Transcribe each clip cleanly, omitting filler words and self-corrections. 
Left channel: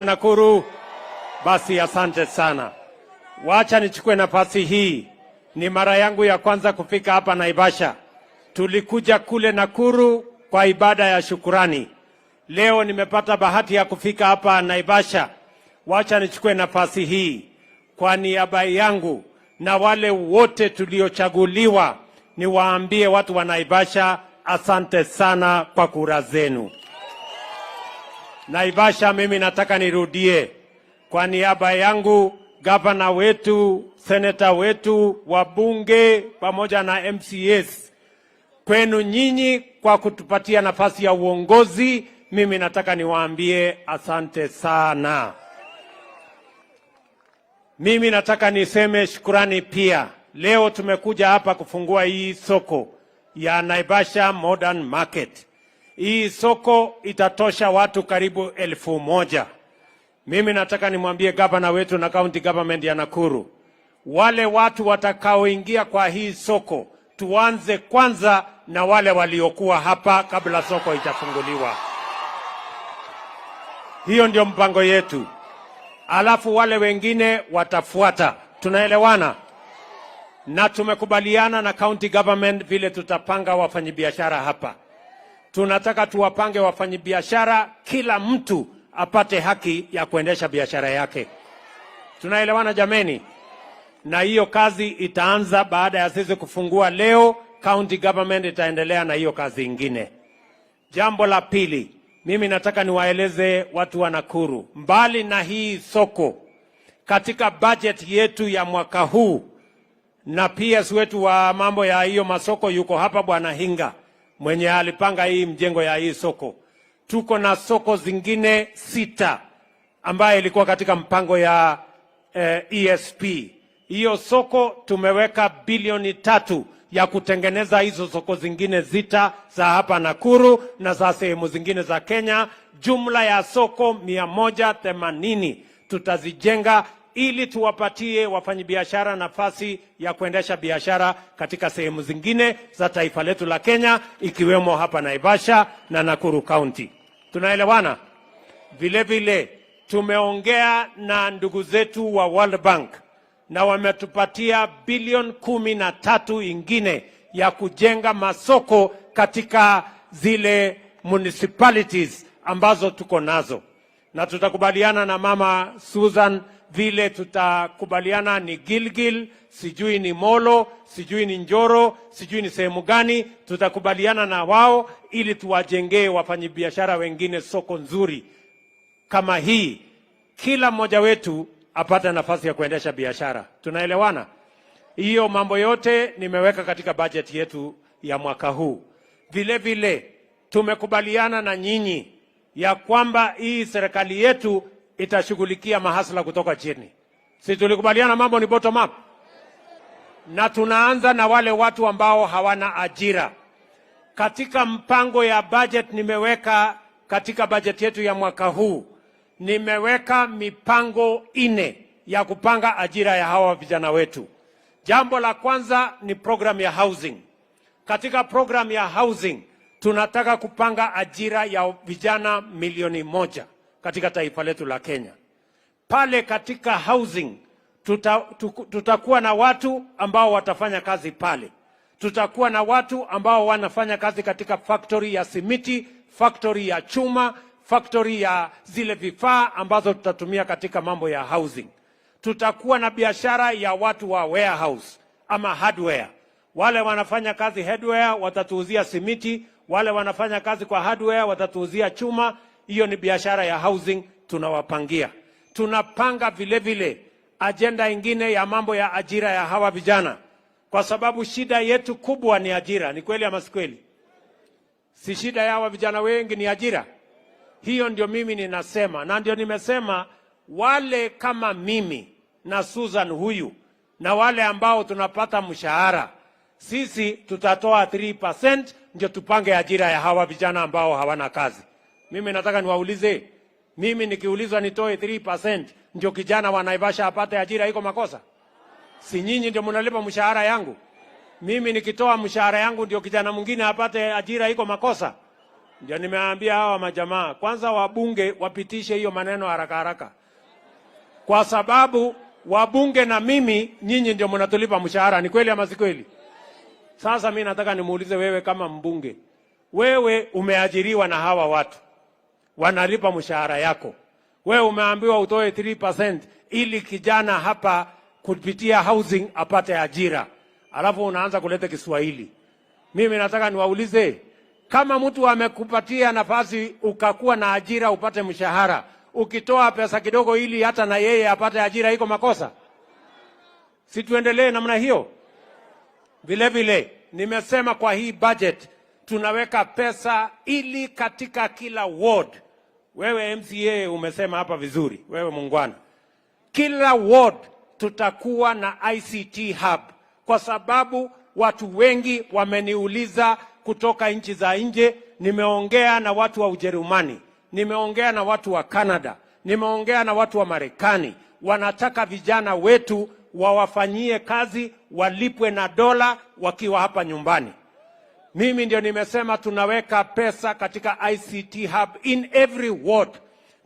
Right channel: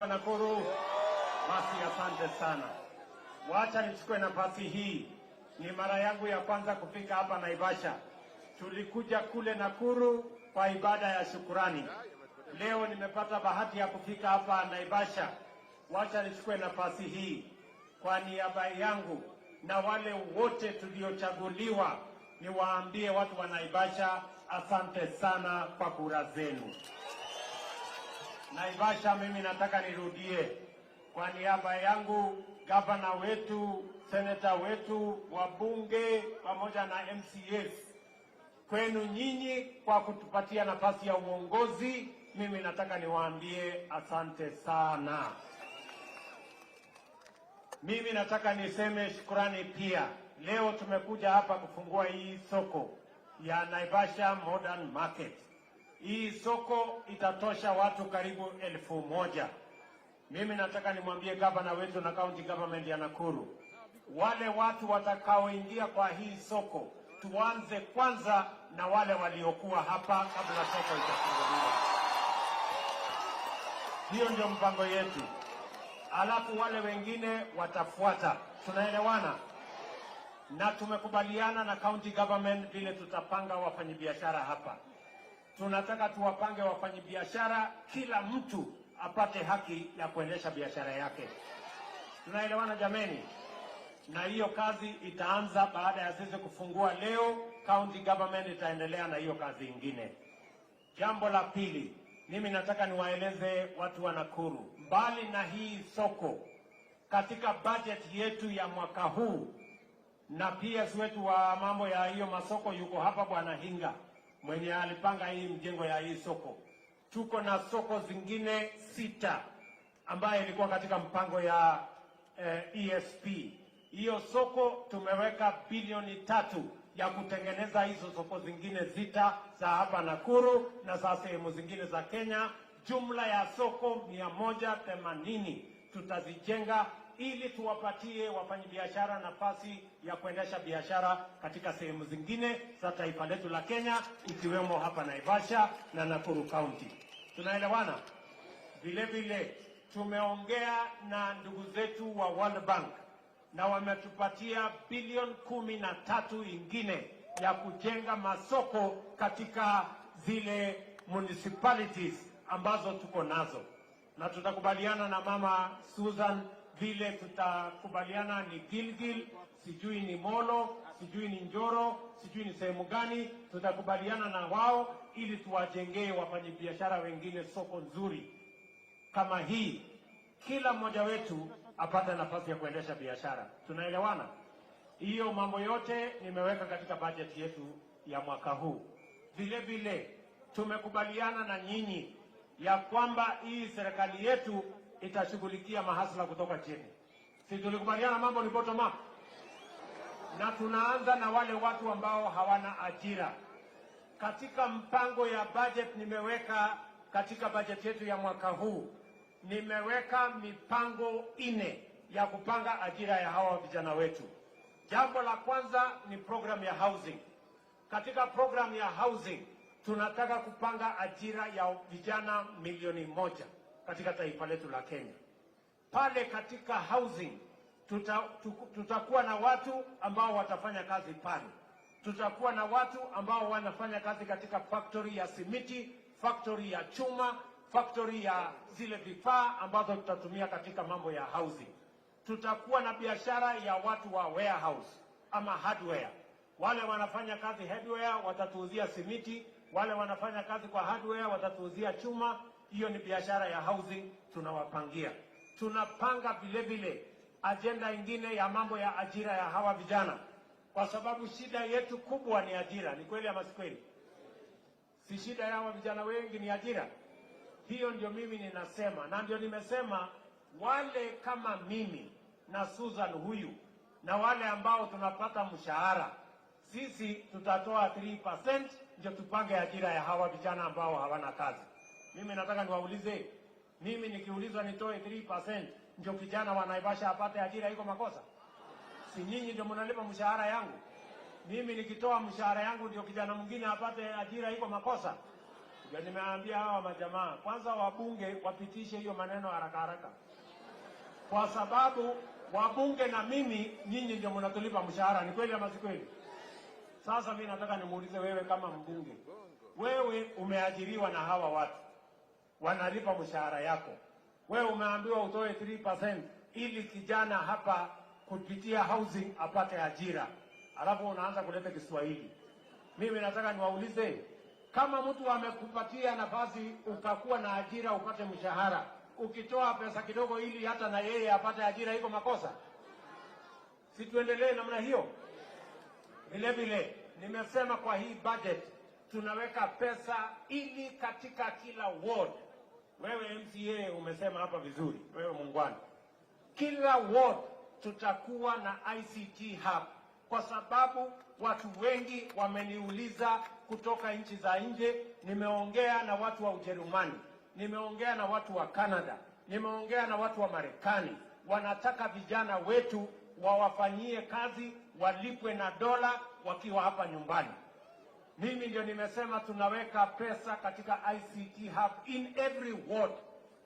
Nakuru, basi asante sana. Wacha nichukue nafasi hii. Ni mara yangu ya kwanza kufika hapa Naivasha. Tulikuja kule Nakuru kwa ibada ya shukurani. Leo nimepata bahati ya kufika hapa Naivasha. Wacha nichukue nafasi hii kwa niaba yangu na wale wote tuliochaguliwa, niwaambie watu wa Naivasha asante sana kwa kura zenu. Naivasha, mimi nataka nirudie kwa niaba yangu, gavana wetu, seneta wetu, wabunge pamoja na MCAs, kwenu nyinyi kwa kutupatia nafasi ya uongozi. Mimi nataka niwaambie asante sana. Mimi nataka niseme shukrani pia. Leo tumekuja hapa kufungua hii soko ya Naivasha Modern Market. Hii soko itatosha watu karibu 1,000. Mimi nataka nimwambie gavana wetu na county government ya Nakuru, wale watu watakaoingia kwa hii soko, tuanze kwanza na wale waliokuwa hapa kabla soko itafunguliwa. Hiyo ndio mpango yetu. Alafu wale wengine watafuata. Tunaelewana? Na tumekubaliana na county government vile tutapanga wafanyabiashara hapa. Tunataka tuwapange wafanyabiashara, kila mtu apate haki ya kuendesha biashara yake. Tunaelewana jameni? Na hiyo kazi itaanza baada ya sisi kufungua leo. County government itaendelea na hiyo kazi ingine. Jambo la pili, mimi nataka niwaeleze watu wa Nakuru, mbali na hii soko, katika budget yetu ya mwaka huu, na PS wetu wa mambo ya hiyo masoko yuko hapa, Bwana Hinga, mwenye alipanga hii mjengo ya hii soko. Tuko na soko zingine 6 ambaye ilikuwa katika mpango ya ESP. Hiyo soko tumeweka bilioni 3 ya kutengeneza hizo soko zingine 6 za hapa Nakuru na za sehemu zingine za Kenya. Jumla ya soko 180 tutazijenga ili tuwapatie wafanyabiashara nafasi ya kuendesha biashara katika sehemu zingine za taifa letu la Kenya, ikiwemo hapa Naivasha na Nakuru County. Tunaelewana? Vile vile tumeongea na ndugu zetu wa World Bank na wametupatia bilioni 13 ingine ya kujenga masoko katika zile municipalities ambazo tuko nazo. Na tutakubaliana na Mama Susan vile tutakubaliana ni Gilgil, sijui ni Molo, sijui ni Njoro, sijui ni sehemu gani, tutakubaliana na wao ili tuwajengee wafanyabiashara wengine soko nzuri kama hii. Kila mmoja wetu apate nafasi ya kuendesha biashara. Tunaelewana? Hiyo mambo yote nimeweka katika budget yetu ya mwaka huu. Vile vile tumekubaliana na nyinyi ya kwamba hii serikali yetu itashughulikia mahasla kutoka chini. Si tulikubaliana mambo ni bottom up? Na tunaanza na wale watu ambao hawana ajira. Katika mpango ya budget nimeweka, katika budget yetu ya mwaka huu, nimeweka mipango 4 ya kupanga ajira ya hawa vijana wetu. Jambo la kwanza ni program ya housing. Katika program ya housing tunataka kupanga ajira ya vijana 1,000,000 katika taifa letu la Kenya. Pale katika housing tutakuwa na watu ambao watafanya kazi pale. Tutakuwa na watu ambao wanafanya kazi katika factory ya simiti, factory ya chuma, factory ya zile vifaa ambazo tutatumia katika mambo ya housing. Tutakuwa na biashara ya watu wa warehouse ama hardware. Wale wanafanya kazi hardware watatuuzia simiti, wale wanafanya kazi kwa hardware watatuuzia chuma. Hiyo ni biashara ya housing tunawapangia. Tunapanga vile vile agenda ingine ya mambo ya ajira ya hawa vijana, kwa sababu shida yetu kubwa ni ajira. Ni kweli ama si kweli? Si shida ya hawa vijana wengi ni ajira? Hiyo ndio mimi ninasema, na ndio nimesema wale kama mimi na Susan huyu na wale ambao tunapata mshahara, sisi tutatoa 3% ndio tupange ajira ya hawa vijana ambao hawana kazi. Mimi nataka niwaulize, mimi nikiulizwa nitoe 3% ndio kijana wa Naivasha apate ajira, iko makosa? Si nyinyi ndio mnalipa mshahara yangu? Mimi nikitoa mshahara yangu ndio kijana mwingine apate ajira, iko makosa? Ndio nimeambia hawa majamaa, kwanza wabunge wapitishe hiyo maneno haraka haraka, kwa sababu wabunge na mimi, nyinyi ndio mnatulipa mshahara. Ni kweli ama si kweli? Sasa mimi nataka nimuulize wewe, kama mbunge, wewe umeajiriwa na hawa watu, wanalipa mshahara yako, wewe umeambiwa utoe 3% ili kijana hapa kupitia housing apate ajira, alafu unaanza kuleta Kiswahili. Mimi nataka niwaulize, kama mtu amekupatia nafasi ukakuwa na ajira upate mshahara, ukitoa pesa kidogo ili hata na yeye apate ajira, iko makosa? Si tuendelee namna hiyo? Vile vile nimesema kwa hii budget tunaweka pesa ili katika kila ward. Wewe MCA umesema hapa vizuri, wewe muungwana, kila ward tutakuwa na ICT hub, kwa sababu watu wengi wameniuliza kutoka nchi za nje. Nimeongea na watu wa Ujerumani, nimeongea na watu wa Canada, nimeongea na watu wa Marekani. Wanataka vijana wetu wawafanyie kazi, walipwe na dola wakiwa hapa nyumbani. Mimi ndio nimesema tunaweka pesa katika ICT hub in every ward,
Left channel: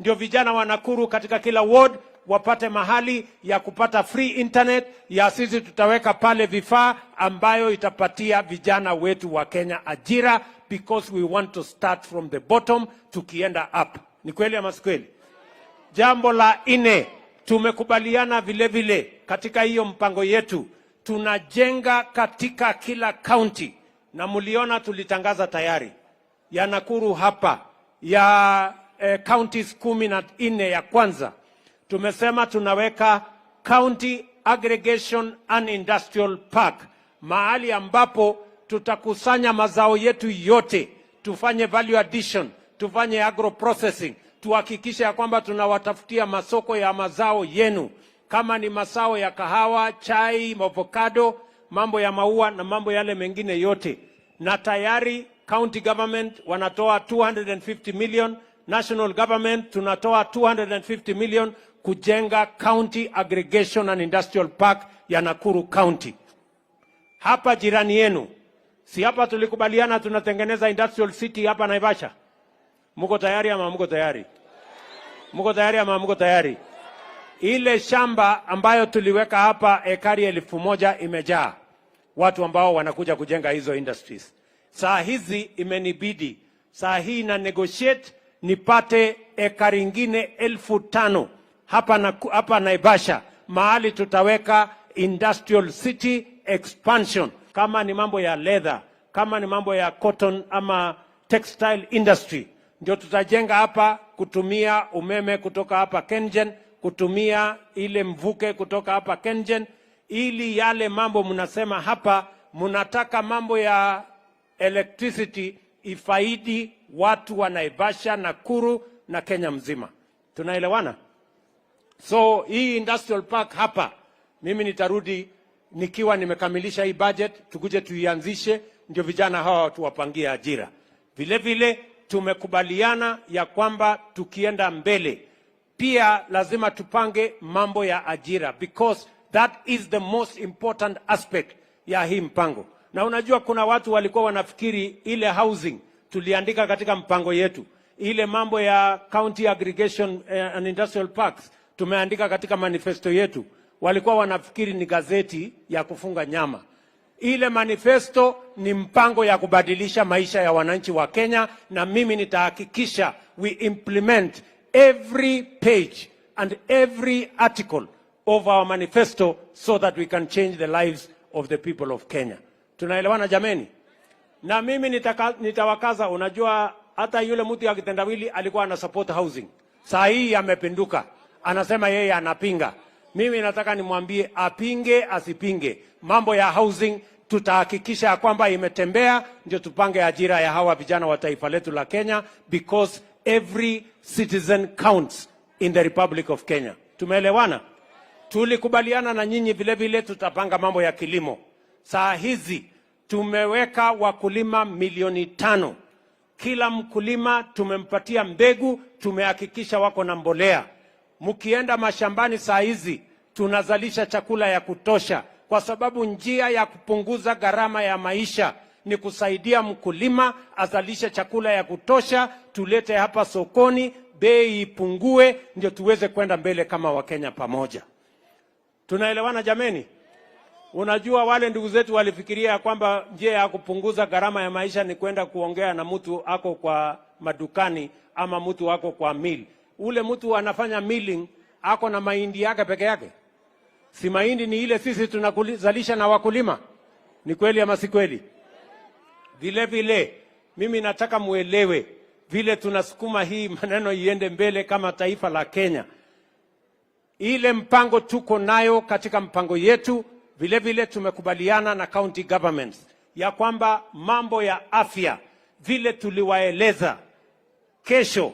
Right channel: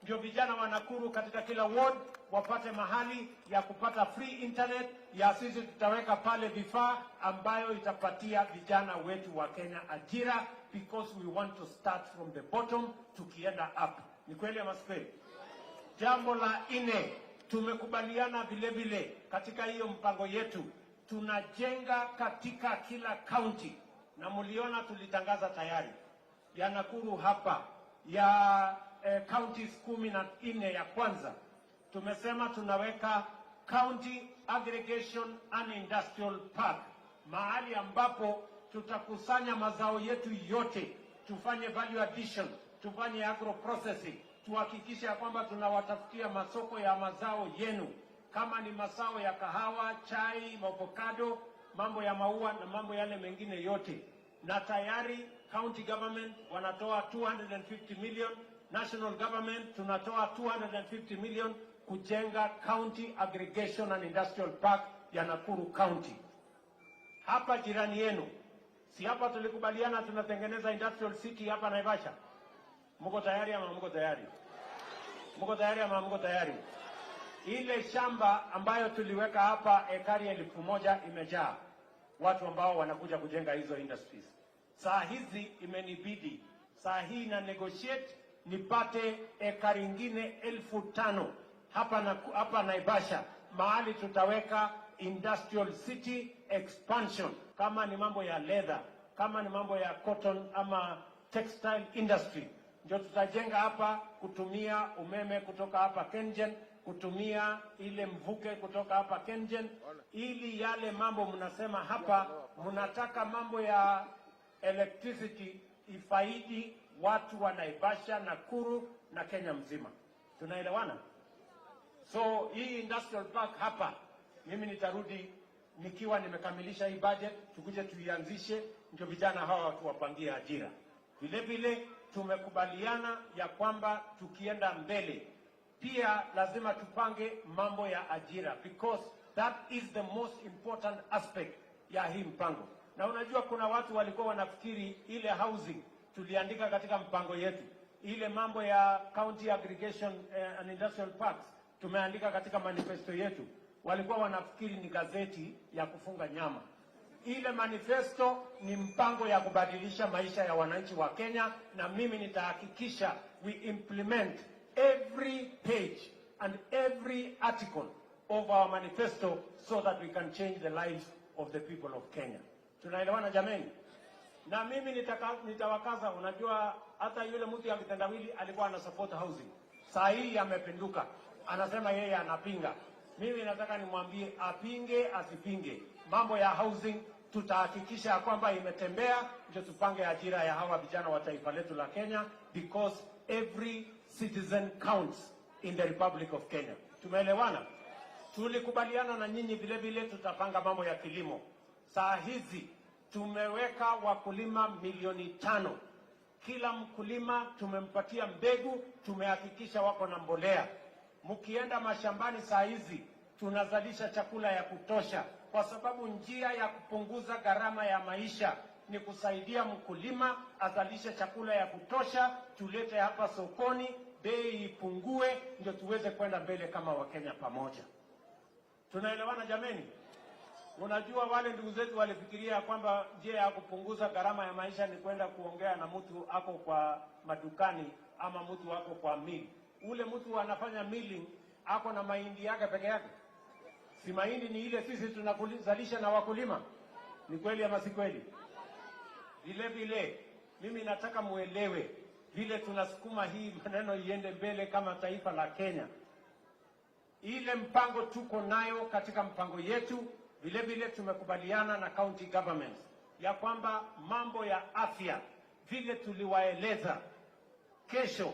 ndio vijana wa Nakuru katika kila ward wapate mahali ya kupata free internet. Ya sisi tutaweka pale vifaa ambayo itapatia vijana wetu wa Kenya ajira, because we want to start from the bottom tukienda up. Ni kweli ama si kweli? Jambo la 4, tumekubaliana vile vile katika hiyo mpango yetu tunajenga katika kila county, na mliona tulitangaza tayari ya Nakuru hapa ya counties 14 ya kwanza. Tumesema tunaweka county aggregation and industrial park, mahali ambapo tutakusanya mazao yetu yote, tufanye value addition, tufanye agro processing, tuhakikishe ya kwamba tunawatafutia masoko ya mazao yenu, kama ni mazao ya kahawa, chai, avocado, mambo ya maua na mambo yale mengine yote. Na tayari county government wanatoa 250 million, national government tunatoa 250 million kujenga county aggregation and industrial park ya Nakuru County. Hapa jirani yenu, si hapa tulikubaliana tunatengeneza industrial city hapa Naivasha? Mko tayari ama mko tayari? Mko tayari ama mko tayari? Ile shamba ambayo tuliweka hapa ekari 1000 imejaa watu ambao wanakuja kujenga hizo industries. Saa hizi imenibidi, saa hii na negotiate nipate ekari ingine 1500 hapa Naivasha, mahali tutaweka industrial city expansion. Kama ni mambo ya leather, kama ni mambo ya cotton ama textile industry, ndio tutajenga hapa kutumia umeme kutoka hapa Kengen, kutumia ile mvuke kutoka hapa Kengen, ili yale mambo mnasema hapa mnataka mambo ya electricity ifaidi watu wa Naivasha, Nakuru na Kenya mzima. Tunaelewana? So hii industrial park hapa, mimi nitarudi nikiwa nimekamilisha hii budget, tukuje tuianzishe, ndio vijana hawa tuwapangie ajira. Vile vile tumekubaliana ya kwamba tukienda mbele pia lazima tupange mambo ya ajira, because that is the most important aspect ya hii mpango. Na unajua kuna watu walikuwa wanafikiri ile housing tuliandika katika mpango yetu, ile mambo ya county aggregation and industrial parks tumeandika katika manifesto yetu, walikuwa wanafikiri ni gazeti ya kufunga nyama. Ile manifesto ni mpango ya kubadilisha maisha ya wananchi wa Kenya, na mimi nitahakikisha we implement every page and every article of our manifesto so that we can change the lives of the people of Kenya. Tunaelewana jameni? Na mimi nitawakaza, unajua hata yule mtu ya kitendawili alikuwa ana support housing. Saa hii amepinduka, anasema yeye anapinga. Mimi nataka nimwambie apinge asipinge, mambo ya housing tutahakikisha kwamba imetembea, ndio tupange ajira ya hawa vijana wa taifa letu la Kenya, because every citizen counts in the Republic of Kenya. Tumeelewana? Tulikubaliana na nyinyi vile vile tutapanga mambo ya kilimo. Saa hizi tumeweka wakulima 500,000. Kila mkulima tumempatia mbegu, tumehakikisha wako na mbolea. Mkienda mashambani saa hizi tunazalisha chakula ya kutosha, kwa sababu njia ya kupunguza gharama ya maisha ni kusaidia mkulima azalishe chakula ya kutosha, tulete hapa sokoni, bei ipungue, ndio tuweze kwenda mbele kama Wakenya pamoja. Tunaelewana jameni? Unajua wale ndugu zetu walifikiria kwamba njia ya kupunguza gharama ya maisha ni kwenda kuongea na mtu ako kwa madukani ama mtu ako kwa mill. Ule mtu anafanya milling ako na mahindi yake peke yake. Si mahindi ni ile sisi tunazalisha na wakulima. Ni kweli ama si kweli? Vile vile mimi nataka muelewe vile tunasukuma hii maneno iende mbele kama taifa la Kenya. Ile mpango tuko nayo katika mpango yetu, vile vile tumekubaliana na county governments ya kwamba mambo ya afya vile tuliwaeleza, kesho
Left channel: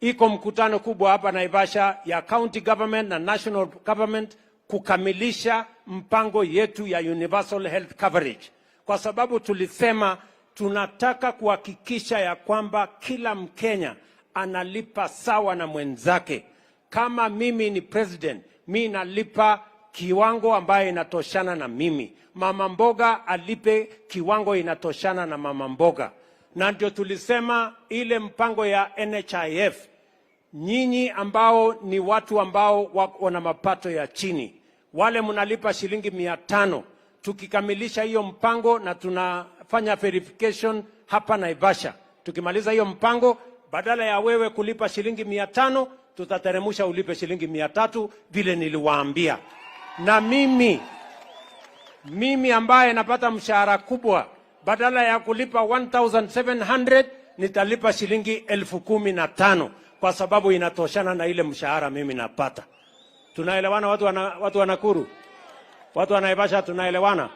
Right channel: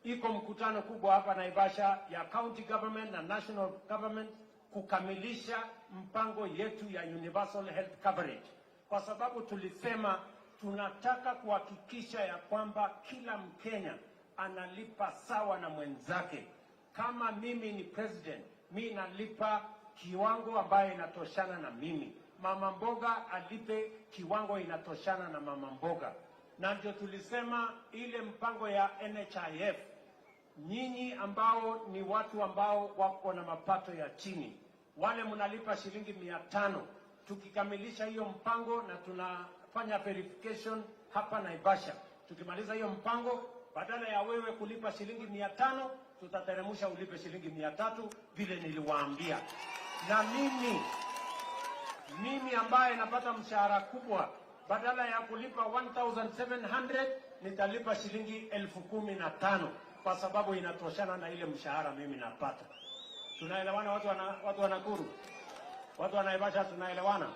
iko mkutano kubwa hapa Naivasha ya county government na national government kukamilisha mpango yetu ya universal health coverage, kwa sababu tulisema tunataka kuhakikisha ya kwamba kila Mkenya analipa sawa na mwenzake. Kama mimi ni president, mimi nalipa kiwango ambayo inatoshana na mimi. Mama mboga alipe kiwango inatoshana na mama mboga. Na ndio tulisema ile mpango ya NHIF, nyinyi ambao ni watu ambao wako na mapato ya chini, wale mnalipa shilingi 500. Tukikamilisha hiyo mpango na tunafanya verification hapa Naivasha, tukimaliza hiyo mpango, badala ya wewe kulipa shilingi 500, tutateremusha ulipe shilingi 300 vile niliwaambia. Na mimi ambaye napata mshahara kubwa, badala ya kulipa 1700 nitalipa shilingi 1015 kwa sababu inatoshana na ile mshahara mimi napata. Tunaelewana watu wa Nakuru? Watu wa Naivasha tunaelewana?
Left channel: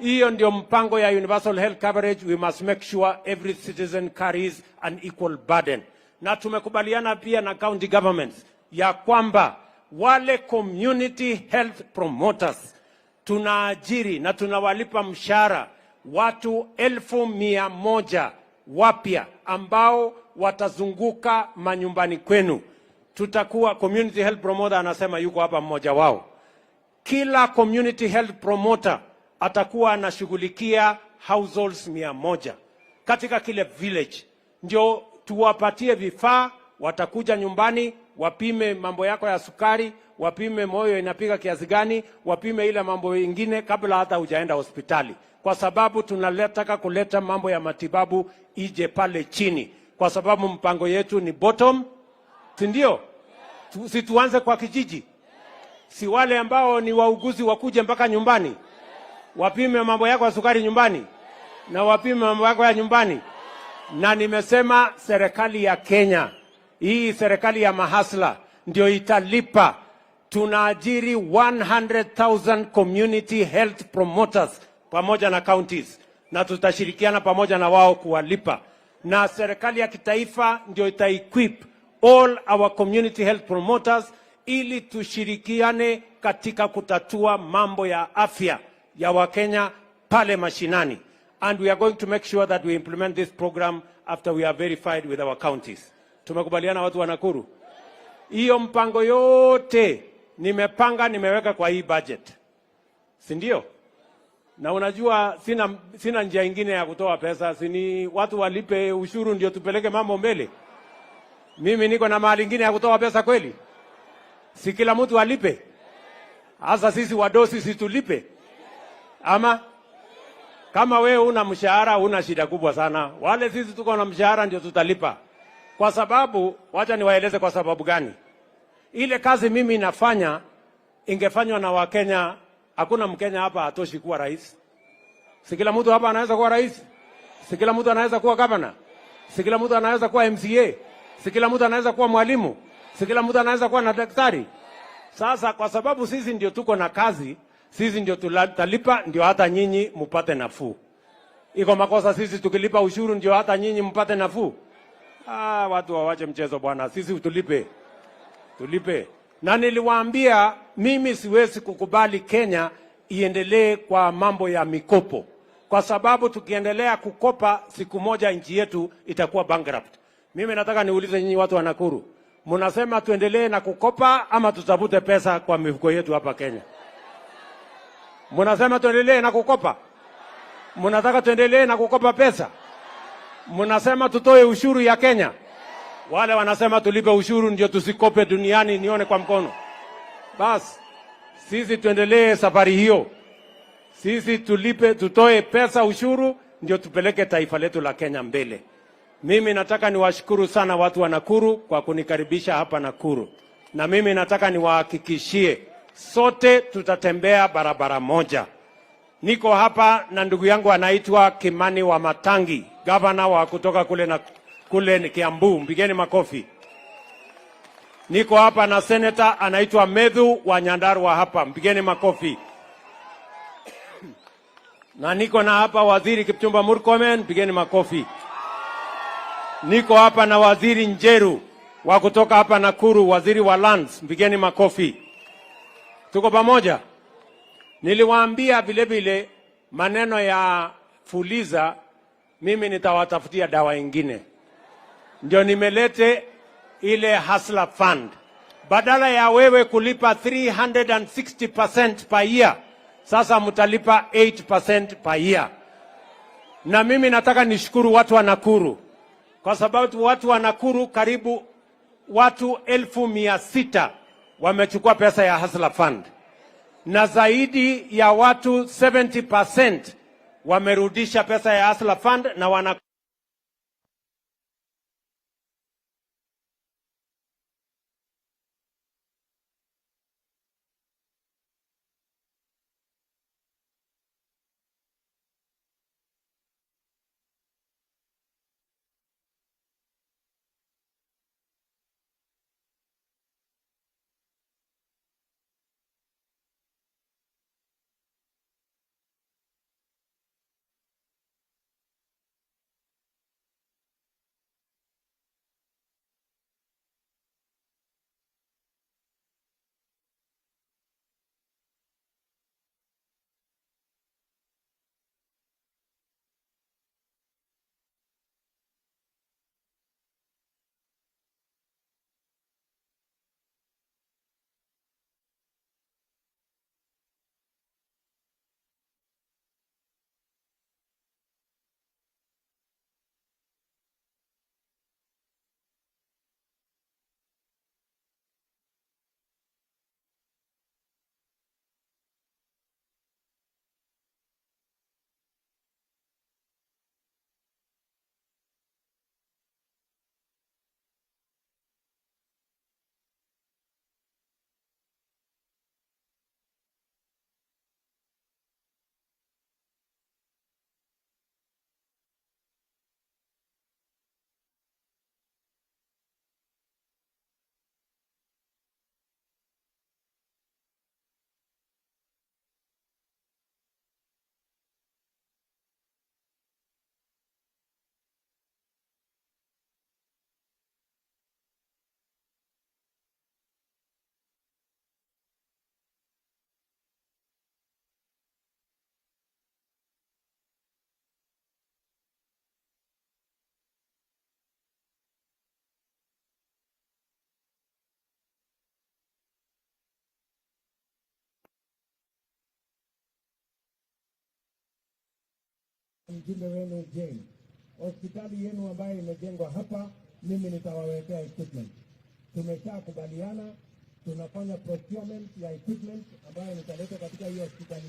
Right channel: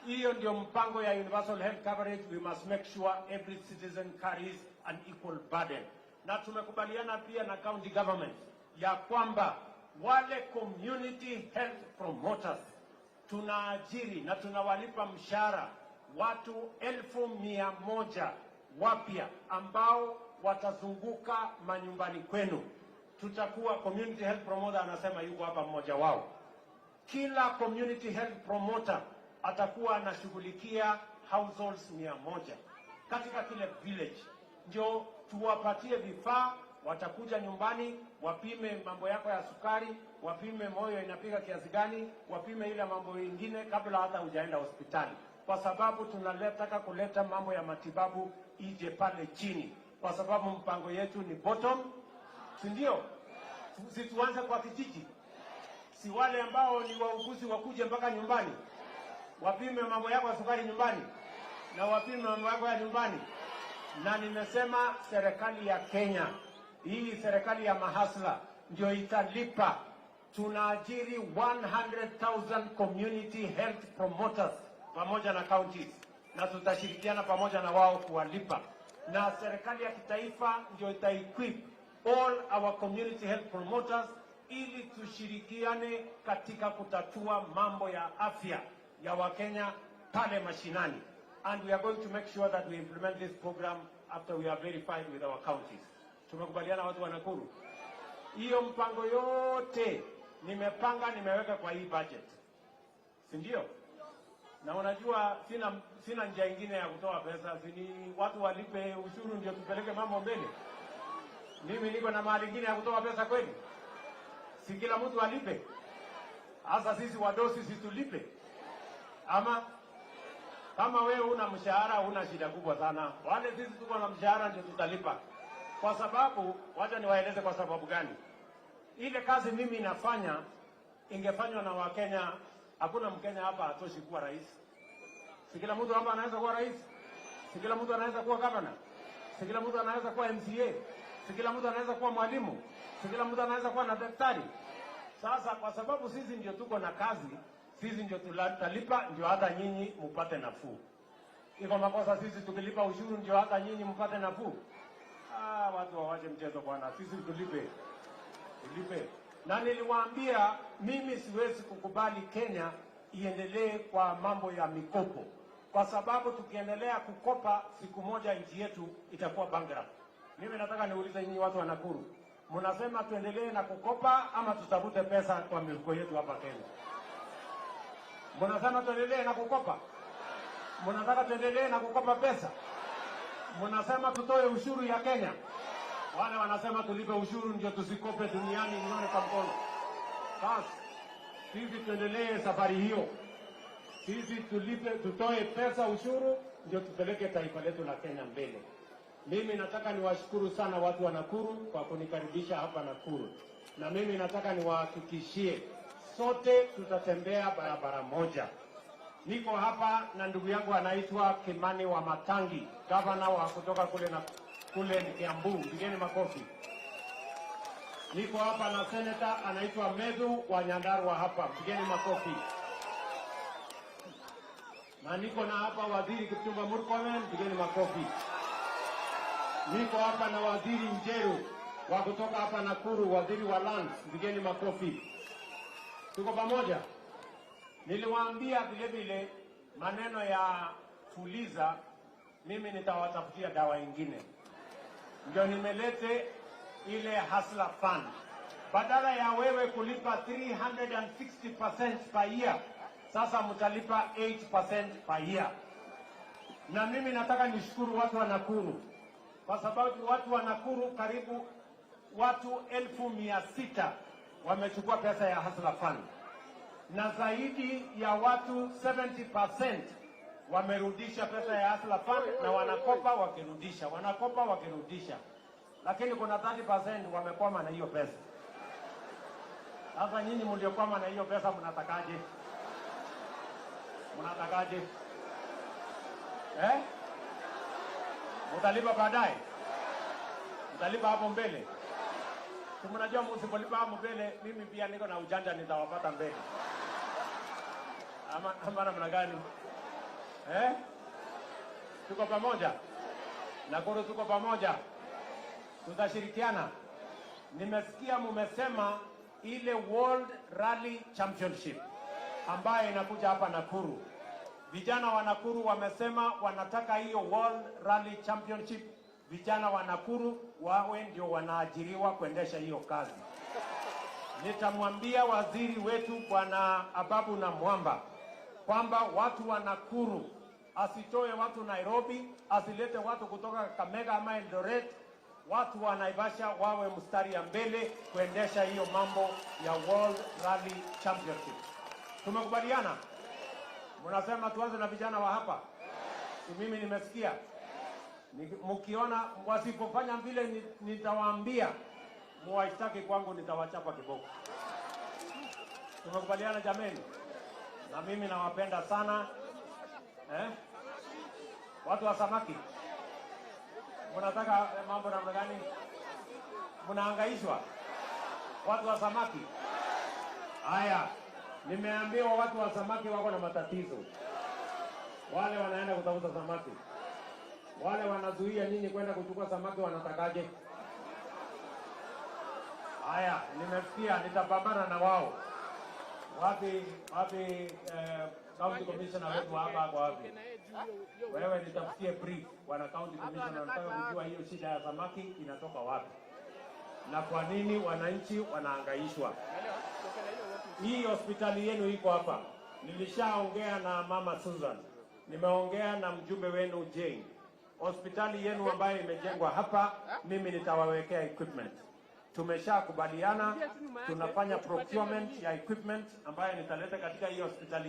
Hiyo ndio mpango ya universal health coverage. We must make sure every citizen carries an equal burden. Na tumekubaliana pia na county governments ya kwamba wale community health promoters tunaajiri na tunawalipa mshahara watu 1,100 wapya ambao watazunguka manyumbani kwenu. Tutakuwa community health promoter, anasema yuko hapa mmoja wao. Kila community health promoter atakuwa anashughulikia households 100 katika kile village. Ndio tuwapatie vifaa, watakuja nyumbani, wapime mambo yako ya sukari, wapime moyo inapiga kiasi gani, wapime ile mambo mengine kabla hata hujaenda hospitali. Kwa sababu tunataka kuleta mambo ya matibabu ije pale chini. Kwa sababu mpango yetu ni bottom, si ndio? Si tuanze kwa kijiji. Si wale ambao ni wauguzi wakuje mpaka nyumbani. Wapime mambo yako ya sukari nyumbani. Na wapime mambo yako ya nyumbani. Na nimesema serikali ya Kenya, hii serikali ya mahasla, ndio italipa. Tunaajiri 100,000 community health promoters pamoja na counties, na tutashirikiana pamoja na wao kuwalipa. Na serikali ya kitaifa ndio ita-equip all our community health promoters ili tushirikiane katika kutatua mambo ya afya ya Wakenya pale mashinani. And we are going to make sure that we implement this program after we are verified with our counties. Tumekubaliana watu wa Nakuru? Hiyo mpango yote nimeweka kwa hii budget. Si ndio? Na unajua sina njia nyingine ya kutoa pesa, sini watu walipe ushuru ndio tupeleke mambo mbele. Mimi niko na mahali nyingine ya kutoa pesa kweli? Si kila mtu alipe? Hasa sisi wadosi sisi tulipe? Ama kama wewe una mshahara una shida kubwa sana. Wale sisi tuko na mshahara ndio tutalipa. Kwa sababu, wacha niwaeleze kwa sababu gani. Ile kazi mimi nafanya ingefanywa na Wakenya. Hakuna Mkenya hapa hatoshi kuwa rais. Si kila mtu hapa anaweza kuwa rais. Si kila mtu anaweza kuwa governor. Si kila mtu anaweza kuwa MCA. Si kila mtu anaweza kuwa mwalimu. Si kila mtu anaweza kuwa na daktari. Sasa kwa sababu sisi ndio tuko na kazi, sisi ndio tutalipa, ndio hata nyinyi mpate nafuu. Iko makosa sisi tukilipa ushuru ndio hata nyinyi mpate nafuu? Watu wawache mchezo bwana, sisi tulipe. Tulipe. Na niliwaambia mimi siwezi kukubali Kenya iendelee kwa mambo ya mikopo. Kwa sababu tukiendelea kukopa siku moja nchi yetu itakuwa bankrupt. Mimi nataka niulize nyinyi watu wa Nakuru. Mnasema tuendelee na kukopa ama tutafute pesa kwa mifuko yetu hapa Kenya? Mnasema tuendelee na kukopa? Mnataka tuendelee na kukopa pesa? Mnasema tutoe ushuru ya Kenya. Wale wanasema tulipe ushuru ndio tusikope duniani, nione kwa mkono. Bas, sisi tuendelee safari hiyo. Sisi tutoe pesa ushuru ndio tupeleke taifa letu la Kenya mbele. Mimi nataka niwashukuru sana watu wa Nakuru kwa kunikaribisha hapa Nakuru. Na mimi nataka niwahakikishie sote tutatembea barabara moja. Niko hapa na ndugu yangu anaitwa Kimani wa Matangi, gavana wa kutoka kule ni Kiambu, mpigeni makofi. Niko hapa na senator anaitwa Medhu wa Nyandarua hapa, mpigeni makofi. Na niko na hapa waziri Kipchumba Murkomen, mpigeni makofi. Niko hapa na waziri Njeru wa kutoka hapa Nakuru, waziri wa lands, mpigeni makofi. Tuko pamoja. Niliwaambia vile vile maneno ya Fuliza, mimi nitawatafutia dawa ingine. Ndio nimelete ile Hustler Fund. Badala ya wewe kulipa 360% per year, sasa mtalipa 8% per year. Na mimi nataka nishukuru watu wa Nakuru, kwa sababu watu wa Nakuru karibu watu 1,600 wamechukua pesa ya Hustler Fund. Na zaidi ya watu 70% wamerudisha pesa ya Hustler Fund na wanakopa wakirudisha. Lakini kuna 30% wamekwama na hiyo pesa. Sasa nyinyi mliokwama na hiyo pesa mnatakaje? Mtalipa baadaye? Mtalipa hapo mbele? Mnajua msipolipa hapo mbele, mimi pia niko na ujanja, nitawapata mbele. Ama namna gani? Tuko pamoja? Nakuru tuko pamoja? Tutashirikiana? Nimesikia mumesema ile World Rally Championship ambayo inakuja hapa Nakuru. Vijana wa Nakuru wamesema wanataka hiyo World Rally Championship, vijana wa Nakuru wawe ndio wanaajiriwa kuendesha hiyo kazi. Nitamwambia waziri wetu Bwana Ababu na Mwamba kwamba watu wa Nakuru asitoe watu Nairobi, asilete watu kutoka Kakamega ama Eldoret. Watu wa Naivasha wawe mstari ya mbele kuendesha hiyo mambo ya World Rally Championship. Tumekubaliana? Mnasema tuanze na vijana wa hapa? Mimi nimesikia. Mkiona wasipofanya vile nitawaambia muwaishtaki kwangu, nitawachapa kiboko. Tumekubaliana jameni? Na mimi nawapenda sana. Watu wa samaki, mnataka mambo namna gani? Mnahangaishwa watu wa samaki? Haya, nimeambiwa watu wa samaki wako na matatizo. Wale wanaenda kutafuta samaki, wale wanazuia nyinyi kwenda kuchukua samaki, wanatakaje? Haya, nimesikia, nitapambana na wao. Wapi county commissioner wetu hapa kwa wapi? Wewe nitafutie brief wana county commissioner, nataka kujua hiyo shida ya samaki inatoka wapi na kwa nini wananchi wanahangaishwa. Hii hospitali yenu iko hapa. Nilishaongea na Mama Susan, nimeongea na mjumbe wenu Jane. Hospitali yenu ambayo imejengwa hapa, mimi nitawawekea equipment. Tumeshakubaliana, tunafanya procurement ya equipment ambayo nitaleta katika hii hospitali.